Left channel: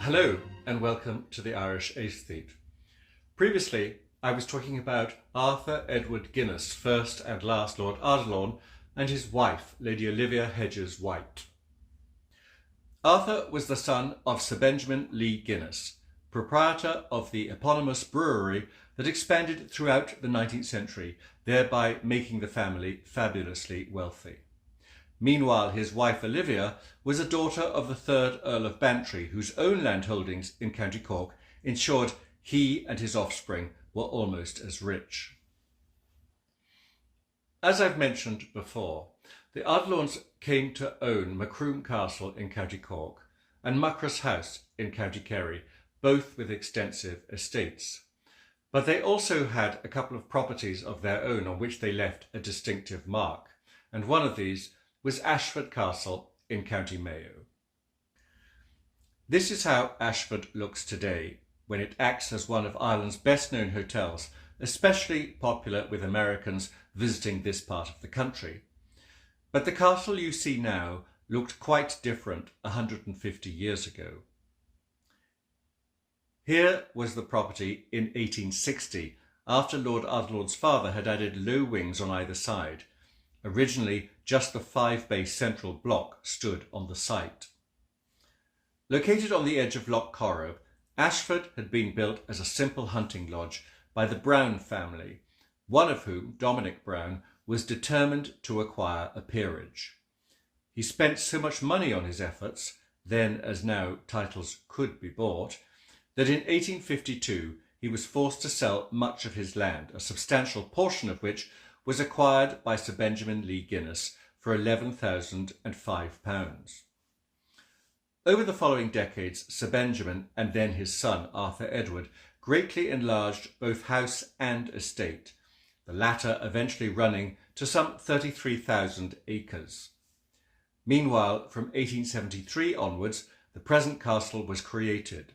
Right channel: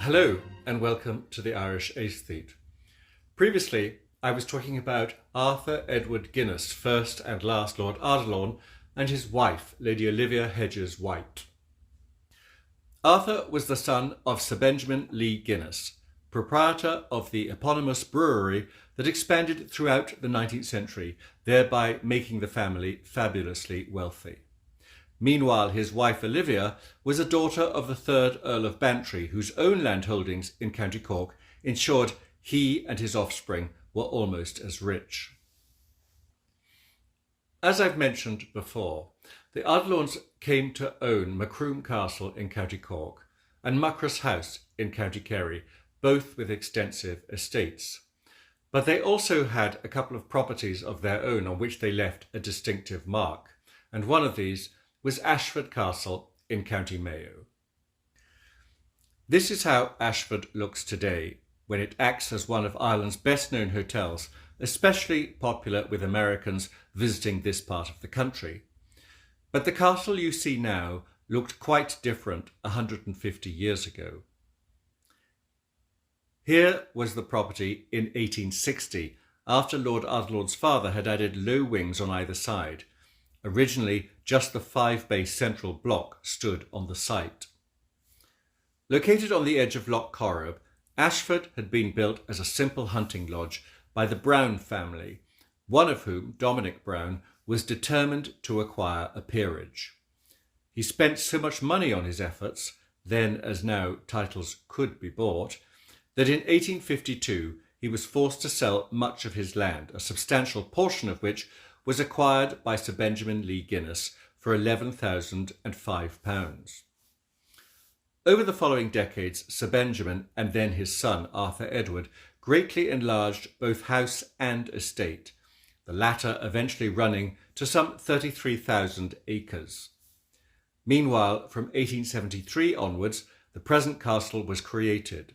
Hello and welcome to the Irish Aesthete. Previously, I was talking about Arthur Edward Guinness, first and last Lord Ardiluan, and his wife, Lady Olivia Hedges White. Arthur was the son of Sir Benjamin Lee Guinness, proprietor of the eponymous brewery that expanded throughout the 19th century, thereby making the family fabulously wealthy. Meanwhile, his wife Olivia was a daughter of the 3rd Earl of Bantry, whose own landholdings in County Cork ensured he and his offspring were almost as rich. As I've mentioned before, the Ardiluans came to own Macroom Castle in County Cork and Muckross House in County Kerry, both with extensive estates. But they also had a couple of properties of their own on which they left a distinctive mark, and one of these was Ashford Castle in County Mayo. This is how Ashford looks today, when it acts as one of Ireland's best-known hotels, especially popular with Americans visiting this part of the country. But the castle you see now looked quite different 150 years ago. Here was the property in 1860, after Lord Ardiluan's father had added low wings on either side. Originally, just the 5-bay central block stood on the site. Located on the edge of Loch Corrib, Ashford had been built as a simple hunting lodge by the Brown family, one of whom, Dominic Brown, was determined to acquire a peerage. He spent so much money on his efforts, then as now titles could be bought, that in 1852 he was forced to sell much of his land, a substantial portion of which was acquired by Sir Benjamin Lee Guinness for £11,005. Over the following decades, Sir Benjamin and then his son Arthur Edward greatly enlarged both house and estate, the latter eventually running to some 33,000 acres. Meanwhile, from 1873 onwards, the present castle was created.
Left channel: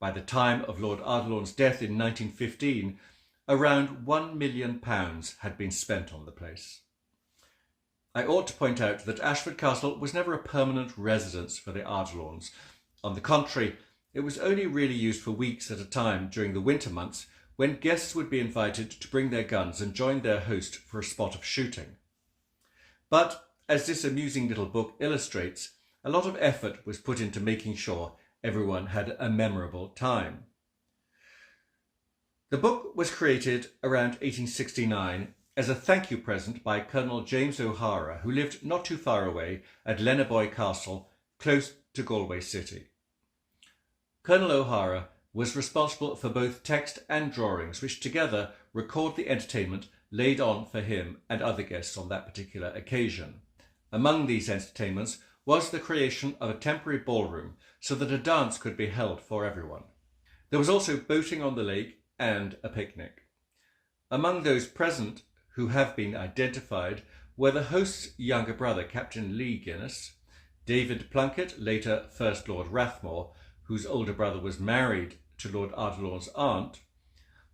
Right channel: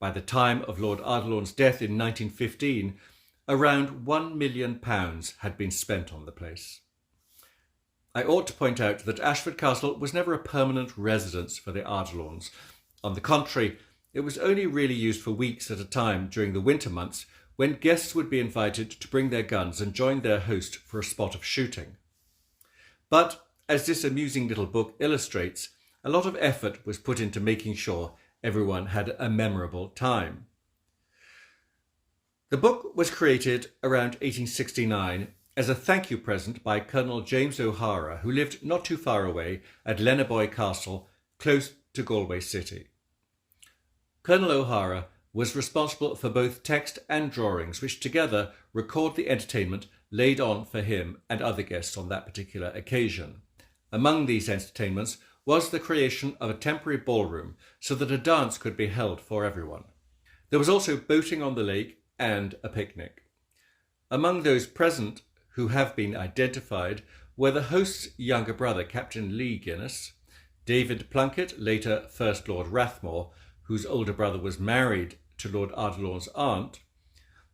By the time of Lord Ardiluan's death in 1915, around £1 million had been spent on the place. I ought to point out that Ashford Castle was never a permanent residence for the Ardiluans. On the contrary, it was only really used for weeks at a time during the winter months, when guests would be invited to bring their guns and join their host for a spot of shooting. But, as this amusing little book illustrates, a lot of effort was put into making sure everyone had a memorable time. The book was created around 1869 as a thank you present by Colonel James O'Hara, who lived not too far away at Lennaboy Castle, close to Galway City. Colonel O'Hara was responsible for both text and drawings, which together record the entertainment laid on for him and other guests on that particular occasion. Among these entertainments was the creation of a temporary ballroom so that a dance could be held for everyone. There was also boating on the lake and a picnic. Among those present who have been identified were the host's younger brother, Captain Lee Guinness, David Plunkett, later First Lord Rathmore, whose older brother was married to Lord Ardiluan's aunt,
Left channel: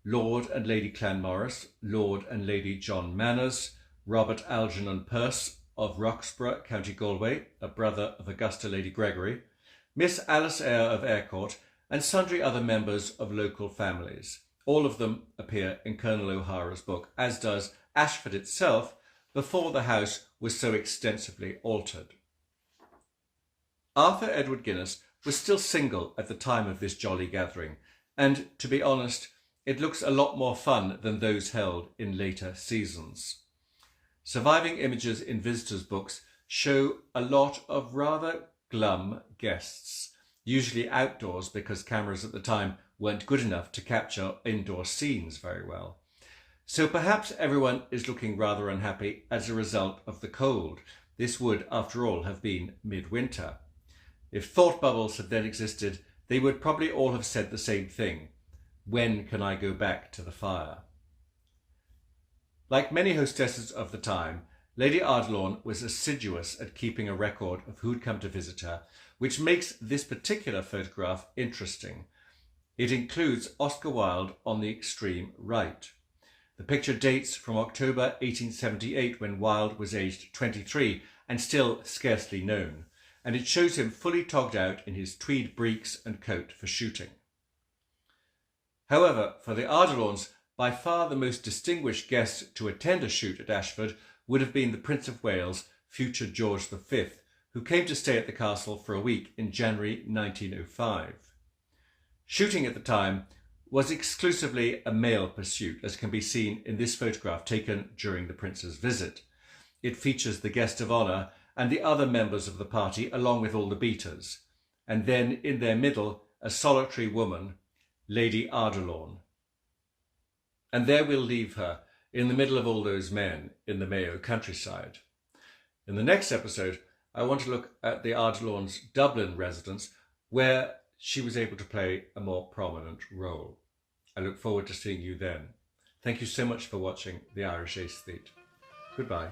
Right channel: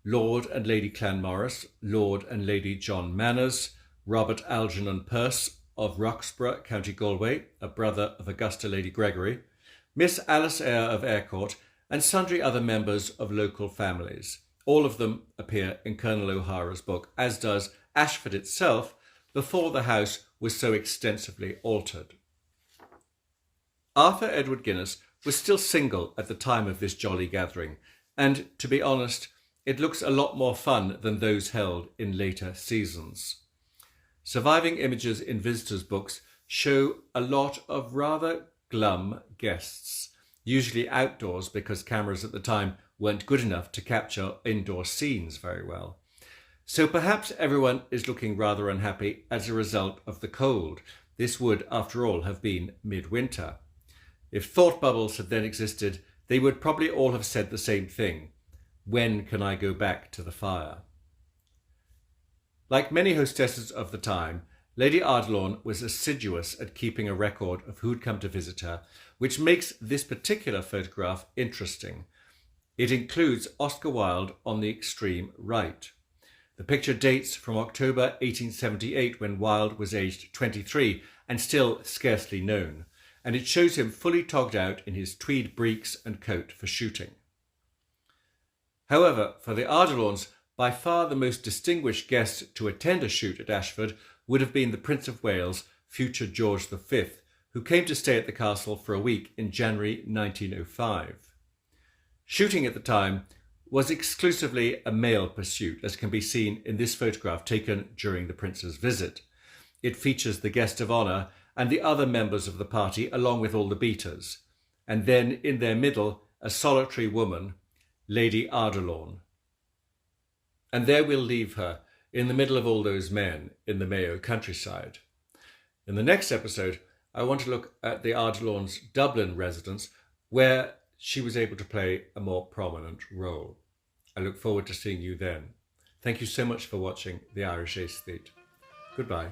Lord and Lady Clanmorris, Lord and Lady John Manners, Robert Algernon Perce of Roxburgh, County Galway, a brother of Augusta Lady Gregory, Miss Alice Eyre of Aircourt, and sundry other members of local families. All of them appear in Colonel O'Hara's book, as does Ashford itself, before the house was so extensively altered. Arthur Edward Guinness was still single at the time of this jolly gathering, and, to be honest, it looks a lot more fun than those held in later seasons. Surviving images in visitors' books show a lot of rather glum guests, usually outdoors because cameras at the time weren't good enough to capture indoor scenes very well. So perhaps everyone is looking rather unhappy as a result of the cold. This would, after all, have been midwinter. If thought bubbles had then existed, they would probably all have said the same thing. When can I go back to the fire? Like many hostesses of the time, Lady Ardilaun was assiduous at keeping a record of who'd come to visit her, which makes this particular photograph interesting. It includes Oscar Wilde on the extreme right. The picture dates from October 1878, when Wilde was aged 23 and still scarcely known, and it shows him fully togged out in his tweed breeks and coat for shooting. However, for the Ardilauns, by far the most distinguished guest to attend a shoot at Ashford would have been the Prince of Wales, future George V, who came to stay at the castle for a week in January 1905. Shooting at the time was exclusively a male pursuit, as can be seen in this photograph taken during the Prince's visit. It features the guest of honour and the other members of the party, along with all the beaters, and then in their middle, a solitary woman, Lady Ardilaun. And there we'll leave her, in the middle of all those men in the Mayo countryside. In the next episode, I want to look at the Ardilaun's Dublin residence, where she was able to play a more prominent role. I look forward to seeing you then. Thank you so much for watching The Irish Aesthete. Goodbye.